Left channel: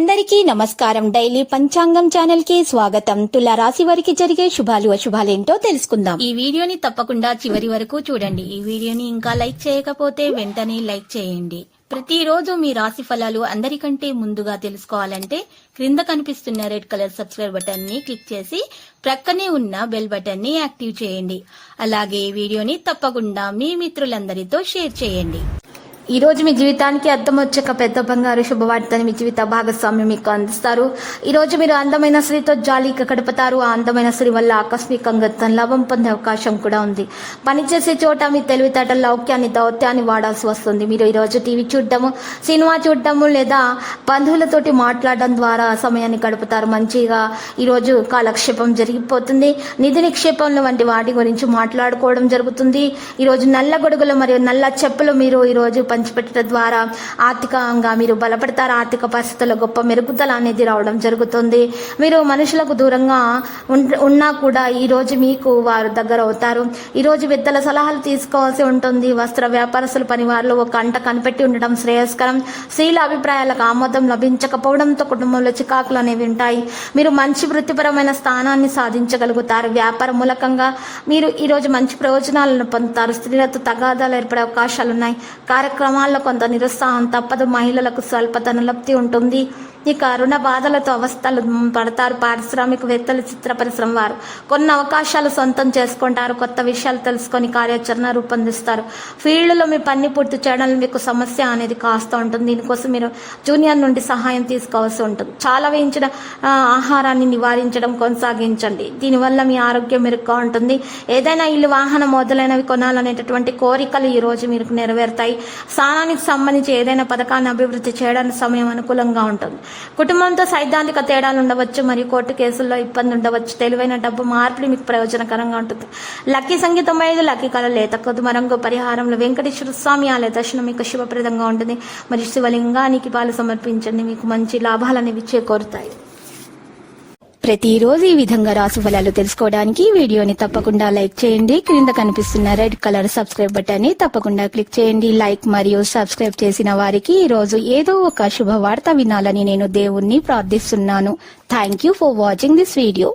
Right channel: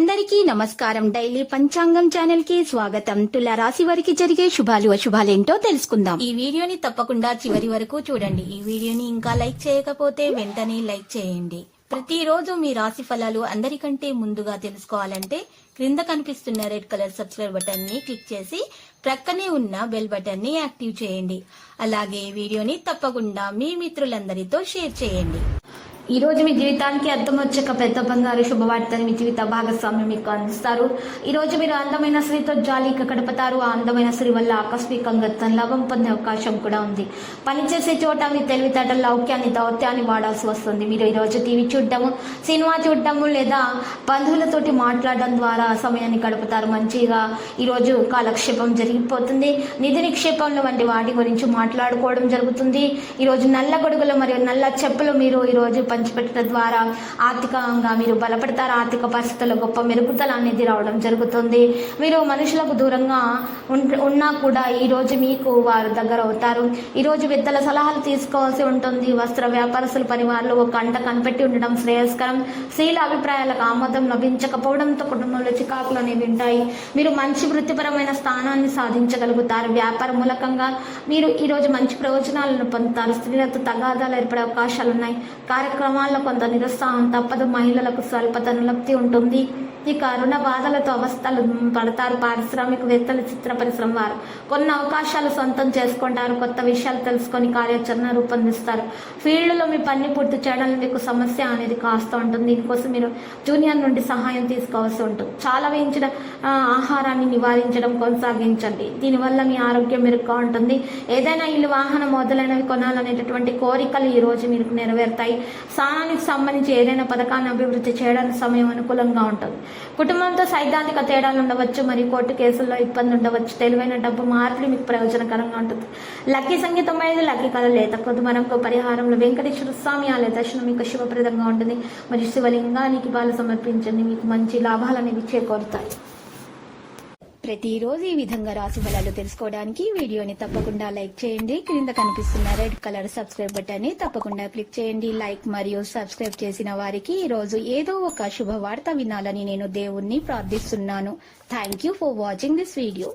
అందరికీ నమస్కారం. డైలీ పంచాంగం ఛానల్ కి స్వాగతం. తుల రాశి వారికి జరిగే శుభాలు అశుభాలేంటో తెలుసుకుందాం. ఈ వీడియోని తప్పకుండా చివరి వరకు చూడండి. ఈ వీడియోని ఇంకా లైక్ చేయకపోతే వెంటనే లైక్ చేయండి. ప్రతిరోజు మీ రాశి ఫలాలు అందరికంటే ముందుగా తెలుసుకోవాలంటే క్రింద కనిపిస్తున్న రెడ్ కలర్ సబ్స్క్రైబ్ బటన్ ని క్లిక్ చేసి ప్రక్కనే ఉన్న బెల్ బటన్ ని యాక్టివ్ చేయండి. అలాగే ఈ వీడియోని తప్పకుండా మీ మిత్రులందరితో షేర్ చేయండి. ఈ రోజు మీ జీవితానికి అర్థం వచ్చే పెద్ద బంగారు శుభవార్తని మీ జీవిత భాగస్వామి మీకు అందిస్తారు. ఈ రోజు మీరు అందమైన స్త్రీతో జాలీగా గడుపుతారు. ఆ అందమైన స్త్రీ వల్ల ఆకస్మికంగా లాభం పొందే అవకాశం కూడా ఉంది. పనిచేసే చోట మీ తెలివితేటల లౌక్యాన్ని దౌత్యాన్ని వాడాల్సి వస్తుంది. మీరు ఈ రోజు టీవీ చూడటము, సినిమా చూడటము లేదా బంధువులతోటి మాట్లాడడం ద్వారా సమయాన్ని గడుపుతారు. మంచిగా ఈరోజు కాలక్షేపం జరిగిపోతుంది. నిధి నిక్షేపంలో వంటి వాటి గురించి మాట్లాడుకోవడం జరుగుతుంది. ఈరోజు నల్ల గొడుగులు మరియు నల్ల చెప్పులు మీరు ఈరోజు పంచిపెట్టడం ద్వారా ఆర్థికంగా మీరు బలపడతారు. ఆర్థిక పరిస్థితుల్లో గొప్ప మెరుగుదల అనేది రావడం జరుగుతుంది. మీరు మనుషులకు దూరంగా ఉన్నా కూడా ఈ రోజు మీకు వారు దగ్గర అవుతారు. ఈ రోజు పెద్దల సలహాలు తీసుకోవాల్సి ఉంటుంది. వస్త్ర వ్యాపారస్తుల పనివారులు ఒక గంట కనిపెట్టి ఉండడం శ్రేయస్కరం. స్త్రీల అభిప్రాయాలకు ఆమోదం లభించకపోవడంతో కుటుంబంలో చికాకులు అనేవి ఉంటాయి. మీరు మంచి వృత్తిపరమైన స్థానాన్ని సాధించగలుగుతారు. వ్యాపార మూలకంగా మీరు ఈరోజు మంచి ప్రయోజనాలను పొందుతారు. స్త్రీలతో తగాదాలు ఏర్పడే అవకాశాలు ఉన్నాయి. కార్యక్రమాల్లో కొంత నిరుత్సాహం తప్పదు. మహిళలకు స్వల్పతన లబ్ధి ఉంటుంది. ఇక రుణ బాధలతో అవస్థలు పడతారు. పారిశ్రామికవేత్తలు, చిత్ర పరిశ్రమ వారు కొన్ని అవకాశాలు సొంతం చేసుకుంటారు. కొత్త విషయాలు తెలుసుకొని కార్యాచరణ రూపొందిస్తారు. ఫీల్డ్లో మీ పని పూర్తి చేయడానికి మీకు సమస్య అనేది కాస్త ఉంటుంది. దీనికోసం మీరు జూనియర్ నుండి సహాయం తీసుకోవాల్సి ఉంటుంది. చాలా వేయించిన ఆహారాన్ని నివారించడం కొనసాగించండి. దీనివల్ల మీ ఆరోగ్యం మెరుగ్గా ఉంటుంది. ఏదైనా ఇల్లు, వాహనం మొదలైనవి కొనాలనేటటువంటి కోరికలు ఈ రోజు మీకు నెరవేరుతాయి. స్థానానికి సంబంధించి ఏదైనా పథకాన్ని అభివృద్ధి చేయడానికి సమయం అనుకూలంగా ఉంటుంది. కుటుంబంతో సైద్ధాంతిక తేడాలు ఉండవచ్చు మరియు కోర్టు కేసుల్లో ఇబ్బంది ఉండవచ్చు. తెలివైన డబ్బు మార్పిడి మీకు ప్రయోజనకరంగా ఉంటుంది. లక్కీ సంగీతం 5, లక్కీ కళ లేత కొద్దుమరంగు పరిహారంలో వెంకటేశ్వర స్వామి ఆలయ దర్శనం మీకు శుభప్రదంగా ఉంటుంది. మరియు శివలింగానికి పాలు సమర్పించండి. మీకు మంచి లాభాలు అనేవి చేకూరుతాయి. ప్రతిరోజు ఈ విధంగా రాశి ఫలాలు తెలుసుకోవడానికి వీడియోని తప్పకుండా లైక్ చేయండి. క్రింద కనిపిస్తున్న రెడ్ కలర్ సబ్స్క్రైబ్ బటన్ ని తప్పకుండా క్లిక్ చేయండి. లైక్ మరియు సబ్స్క్రైబ్ చేసిన వారికి ఈ రోజు ఏదో ఒక శుభవార్త వినాలని నేను దేవుణ్ణి ప్రార్థిస్తున్నాను. Thank you for watching this video.